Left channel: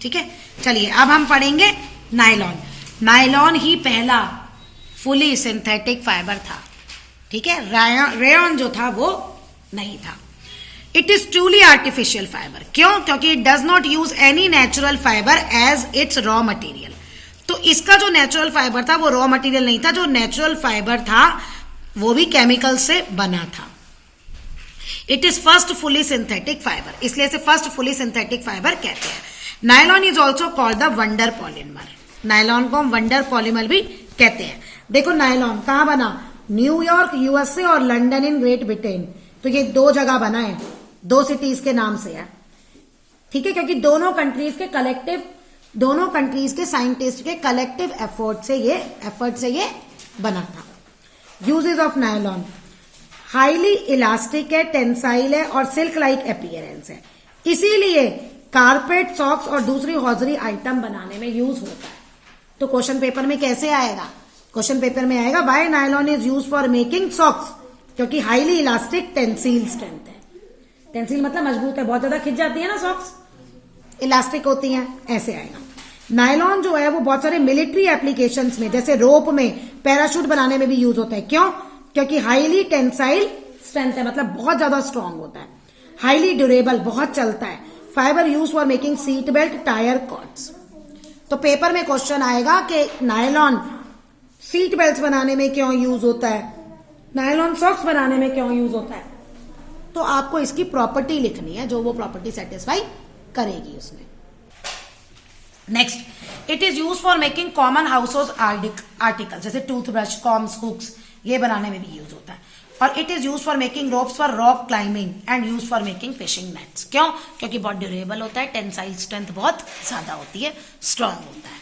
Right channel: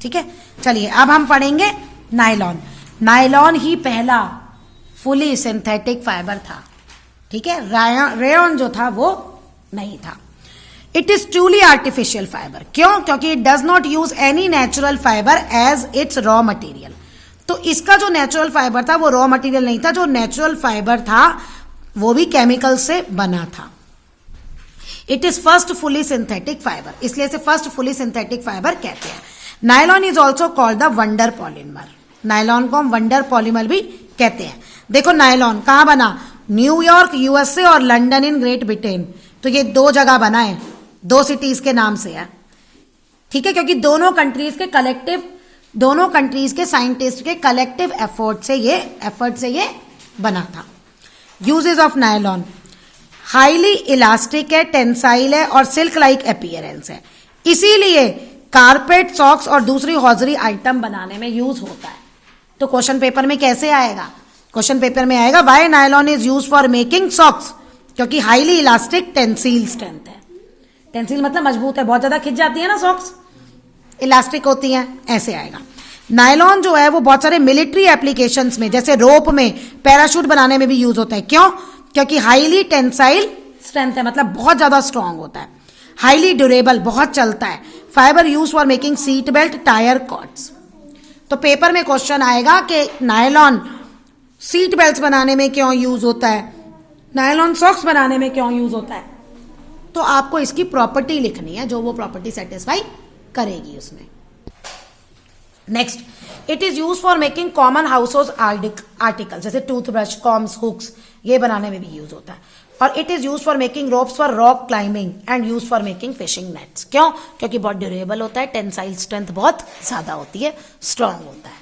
ठीक है, चलिए अब हम पढ़ेंगे नायलॉन। नायलॉन ही पहला फुली सिंथेटिक फाइबर था। ठीक है, रेयॉन जो था वो नहीं था। It is truly artificial fibre. क्यों? क्योंकि it does not use any natural fibre as its raw material. तो इसका जो नेचुरल फाइबर था वो रॉ मटेरियल नहीं था, जो नेचुरल फाइबर था वो भी केमिकल से बना था। It is first fully synthetic fibre, इसलिए इसे फर्स्ट फुली सिंथेटिक फाइबर कहते हैं। Nylon is also called the wonder polymer. Nylon को हम वंडर पॉलीमर भी कहते हैं। देखो नायलॉन कहां बना? न्यूयॉर्क यूएसए और लंदन इन ग्रेट ब्रिटेन। तो ये दो जगह बना है, दो सिटीज के नाम से है। ठीक है, क्योंकि दोनों कंट्रीज के साइंटिस्ट के कलेक्टिव एफर्ट से ये बना था। Uses of nylon, highly elastic है, टेंसाइल है और सिल्क लाइक अपीयरेंस है, इसीलिए कारपेट, सॉक्स और दूसरी हॉजरी आइटम बनाने में यूज होता है। तो क्वेश्चन पेपर में कैसे आएगा? क्वेश्चन पेपर में आएगा why nylon is use for making socks, क्योंकि हाईली इलास्टिक, टेंसिल स्ट्रेंथ है। टेंसिल मतलब मजबूत है, बहुत ज्यादा खिंच जाती है ना सॉक्स, इलास्टिक होती है, ऐसे आएगा। नायलॉन जो है वो बहुत सारे मिलिट्री एप्लीकेशंस में, जैसे रोप में, पैराशूट बनाने में भी यूज होता है। क्यों? क्योंकि हाईली टेंसाइल स्ट्रेंथ है, मतलब बहुत ज्यादा स्ट्रांग होता है। हाईली ड्यूरेबल, बहुत चलता है। Fibre use for making seat belt, tyre cords. तो पेपर में क्वेश्चन आएगा कि नायलॉन सीट बेल्ट बनाने में क्यों यूज होता है, नायलॉन सॉक्स बनाने में क्यों यूज होता है। तो आपको इसकी प्रॉपर्टी लिखनी है, जो वो प्रॉपर्टी सेटिस्फाई करेगी उसमें। Next, it is use for making common house hold article, जैसे टूथब्रश, कॉम्स, हुक्स, ये बनाने में भी यूज होता है। और it is use for making ropes for rock climbing and use for making fishing nets. क्यों? क्योंकि बहुत ड्यूरेबल होता है, टेंसाइल स्ट्रेंथ बहुत ज्यादा होती है, स्ट्रांग होता है।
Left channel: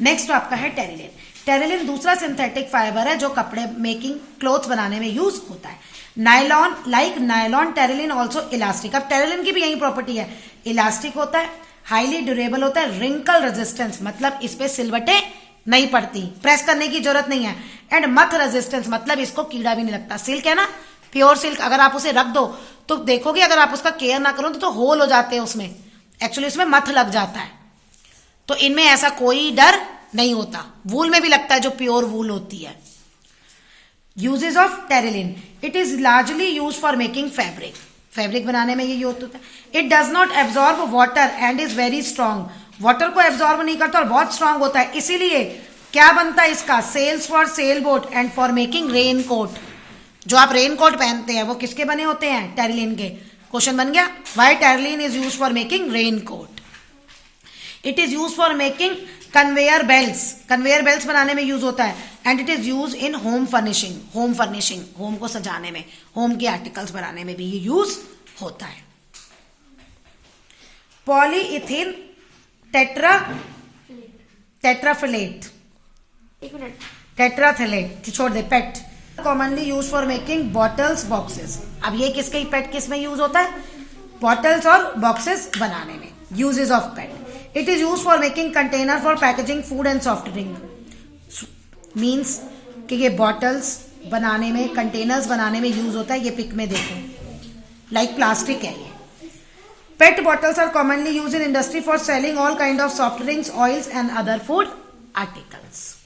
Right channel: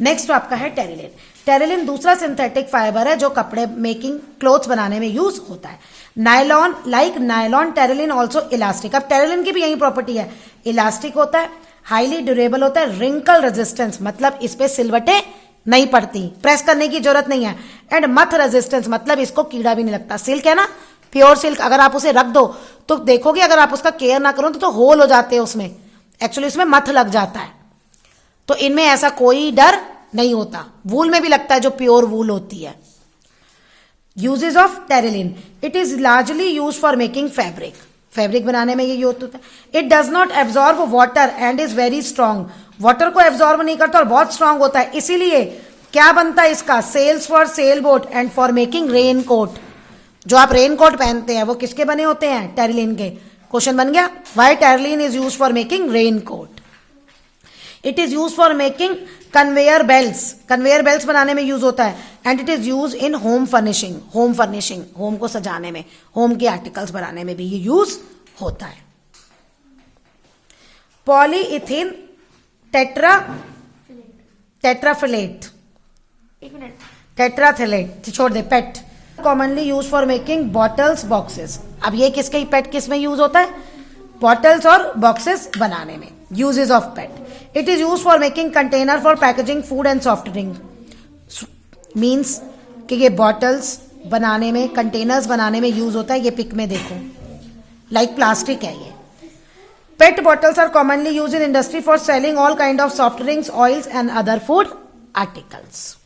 नेक्स्ट आपका है टेरिलिन। टेरिलिन दूसरा सिंथेटिक फाइबर है जो कपड़े मेकिंग, क्लोथ्स बनाने में यूज होता है। Nylon, like nylon, Terylene also elastic. अब टेरिलिन की भी यही प्रॉपर्टी है, इलास्टिक होता है, हाईली ड्यूरेबल होता है, रिंकल रेजिस्टेंस, मतलब इस पे सिलवटें नहीं पड़ती, प्रेस करने की जरूरत नहीं है। एंड मथ रेजिस्टेंस, मतलब इसको कीड़ा भी नहीं लगता। सिल्क है ना, प्योर सिल्क, अगर आप उसे रख दो तो देखोगे अगर आप उसका केयर ना करो तो होल हो जाते हैं उसमें, एक्चुअली उसमें मथ लग जाता है। तो इनमें ऐसा कोई डर नहीं होता। वूल में भी लगता है जो प्योर वूल होती है। Uses of Terylene, it is largely use for making fabric. Fabric बनाने में ये यूज होता है। It does not absorb water and is very strong. Water को एब्जॉर्ब नहीं करता और बहुत स्ट्रांग होता है, इसीलिए क्या बनता है इसका? Sails for sail boat and for making rain coat. जो आप रेन कोट पहनते हैं वो किसके बने होते हैं? टेरिलिन के। क्वेश्चन बन गया, why terylene is use for making rain coat. It is use for making conveyor belts. Conveyor belts बनाने में यूज होता है। And it is use in home furnishing. Home को सजाने में, होम के आर्टिकल्स बनाने में भी ये यूज होता है। पॉलीइथिन टेट्राफिलेट, टेट्राफिलेट छोड़ दे, PET, commonly use for making bottles, boxes. अब ये किसके पेट किस में यूज होता है? बॉटल्स और बॉक्सेस बनाने में। Uses of pet, it is use for making container for packaging food and soft drink. Means कि ये बॉटल्स बनाने में, कंटेनर्स बनाने में यूज होता है। ये पिक में देखो, लाइक प्लास्टिक है ये। PET bottles are commonly use in industry for selling all kind of soft drinks, oils and other food articles.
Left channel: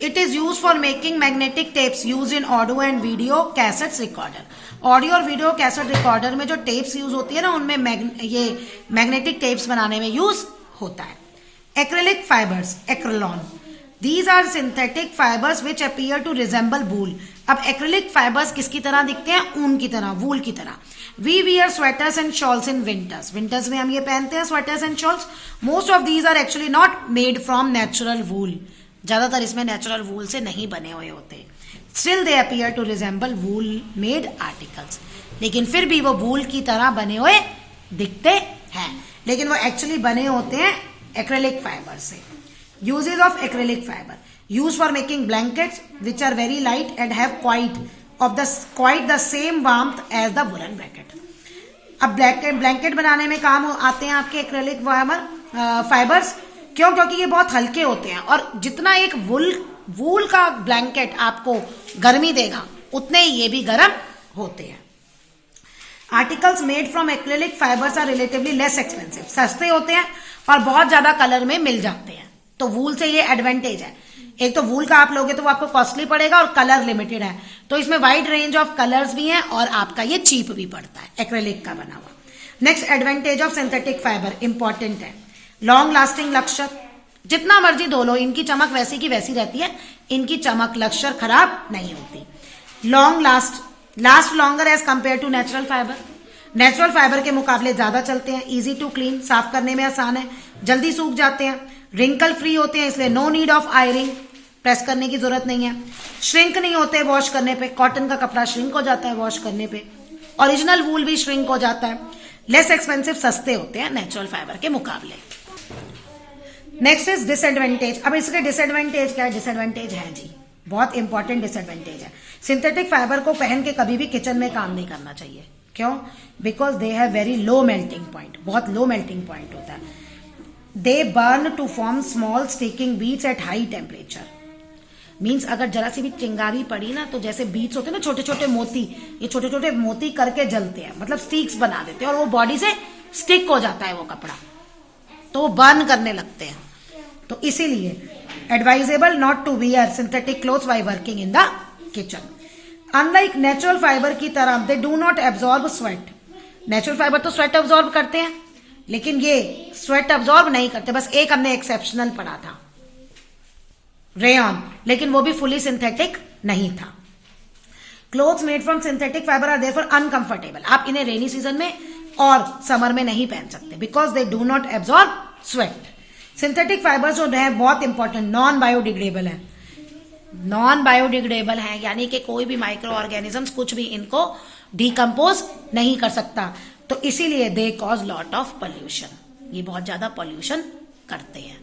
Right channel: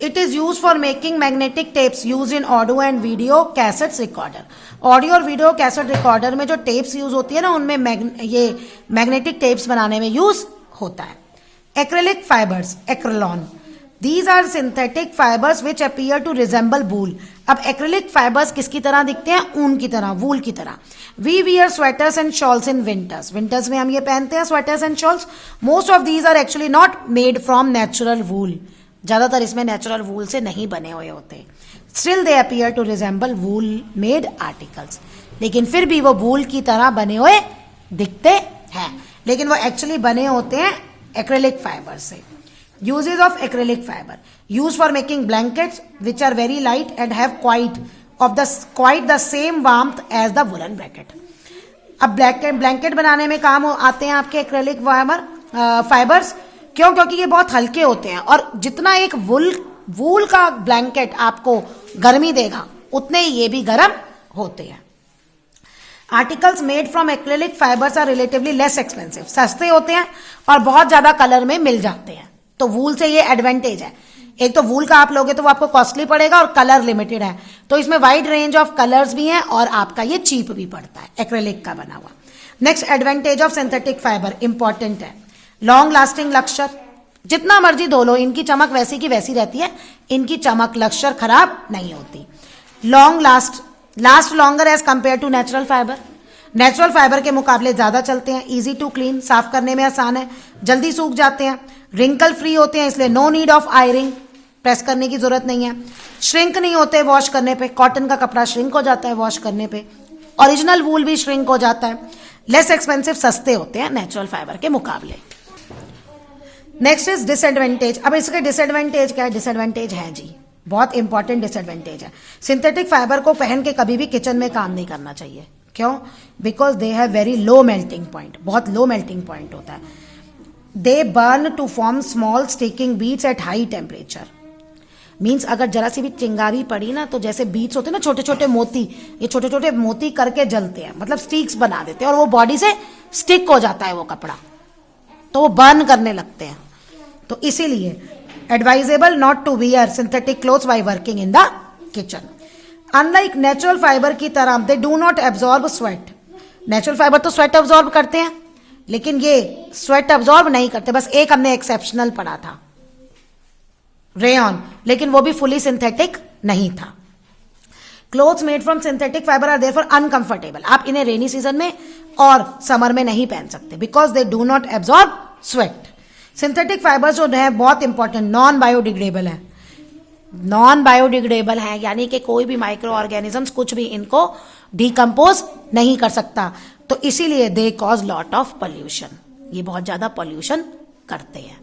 It is use for making magnetic tapes use in audio and video cassettes recorder. Audio और video cassette recorder में जो tapes use होती है ना, उनमें ये magnetic tapes बनाने में यूज होता है। Acrylic fibres, Acrilan, these are synthetic fibers which appear to resemble wool। अब एक्रेलिक फाइबर्स किसकी तरह दिखते हैं? ऊन की तरह, वूल की तरह। We wear sweaters and shawls in winters। Winters में हम ये पहनते हैं sweaters and shawls. Most of these are actually not made from natural wool। ज्यादातर इसमें नेचुरल वूल से नहीं बने हुए होते। Still they appear to resemble wool made articles। लेकिन फिर भी वो वूल की तरह बने हुए दिखते हैं, लेकिन वो एक्चुअली बने होते हैं एक्रेलिक फाइबर से। Uses of acrylic fiber, used for making blankets which are very light and have quite the same warmth as the woolen blanket। अब ब्लैंकेट बनाने में काम आते हैं आपके एक्रेलिक फाइबर्स। क्यों? क्योंकि ये बहुत हल्के होते हैं और जितना एक वूल का ब्लैंकेट आपको गर्मी देगा उतने ही ये भी गर्म होते हैं। Articles made from acrylic fibres are relatively less expensive, सस्ते होते हैं और बहुत ज्यादा कलर में मिल जाते हैं। तो वूल से ये एडवांटेज है। एक तो वूल का आप लोगे तो वो आपको कॉस्टली पड़ेगा और कलर लिमिटेड है, तो इसमें वाइड रेंज ऑफ कलर्स भी हैं और आपका ये चीप भी पड़ता है एक्रेलिक का बना हुआ। Next advantage of synthetic fibre important है, लॉन्ग लास्टिंग लक्ष्य, जितना मर्जी धो लो इनकी चमक वैसी की वैसी रहती है, इनकी चमक लक्ष्य खराब नहीं होती। Long last longer as compare to natural fibre, natural fibre के मुकाबले ज्यादा चलते हैं, इजी टू क्लीन, साफ करने में आसान है, जल्दी सूख जाते हैं, रिंकल फ्री होते हैं इसलिए नो नीड ऑफ आयरिंग, प्रेस करने की जरूरत नहीं है, श्रिंक नहीं होते वॉश करने पे, कॉटन का कपड़ा श्रिंक हो जाता है वॉश करने पे, ओरिजिनल वूल भी श्रिंक हो जाता है, लेस एक्सपेंसिव, सस्ते होते हैं नेचुरल फाइबर के मुकाबले। Next is disadvantage. अब इसके डिसएडवांटेज क्या है? डिसएडवांटेज है जी, बहुत इंपॉर्टेंट डिसएडवांटेज है। सिंथेटिक फाइबर को पहन के कभी भी किचन में काम नहीं करना चाहिए। क्यों? Because they have very low melting point, बहुत लो मेल्टिंग पॉइंट होता है। They burn to form small sticking beads at high temperature, means अगर जरा सी भी चिंगारी पड़ी ना तो जैसे बीट्स होते हैं ना छोटे छोटे मोती, ये छोटे छोटे मोती करके जलते हैं, मतलब स्टिक्स बना देते हैं और वो बॉडी से स्टिक हो जाता है वो कपड़ा, तो वो बर्न करने लगते हैं। तो इसीलिए advisable not to wear synthetic clothes while working in the kitchen. Unlike natural fibre की तरह they do not absorb sweat, natural fibre तो स्वेट एब्जॉर्ब करते हैं लेकिन ये स्वेट एब्जॉर्ब नहीं करते। बस एक हमने एक्सेप्शनल पढ़ा था, रेयन, लेकिन वो भी फुली सिंथेटिक नहीं था। Clothes made from synthetic fibre are therefore uncomfortable, आप इन्हें रेनी सीजन में और समर में नहीं पहन सकते because they do not absorb sweat. Synthetic fibres जो है बहुत इंपॉर्टेंट, नॉन बायोडिग्रेडेबल है, नॉन बायोडिग्रेडेबल है, यानी कि कोई भी माइक्रो ऑर्गेनिजम्स कुछ भी इनको डिकम्पोज नहीं कर सकता, तो इसीलिए they cause lot of pollution, ये बहुत ज्यादा पॉल्यूशन करते हैं।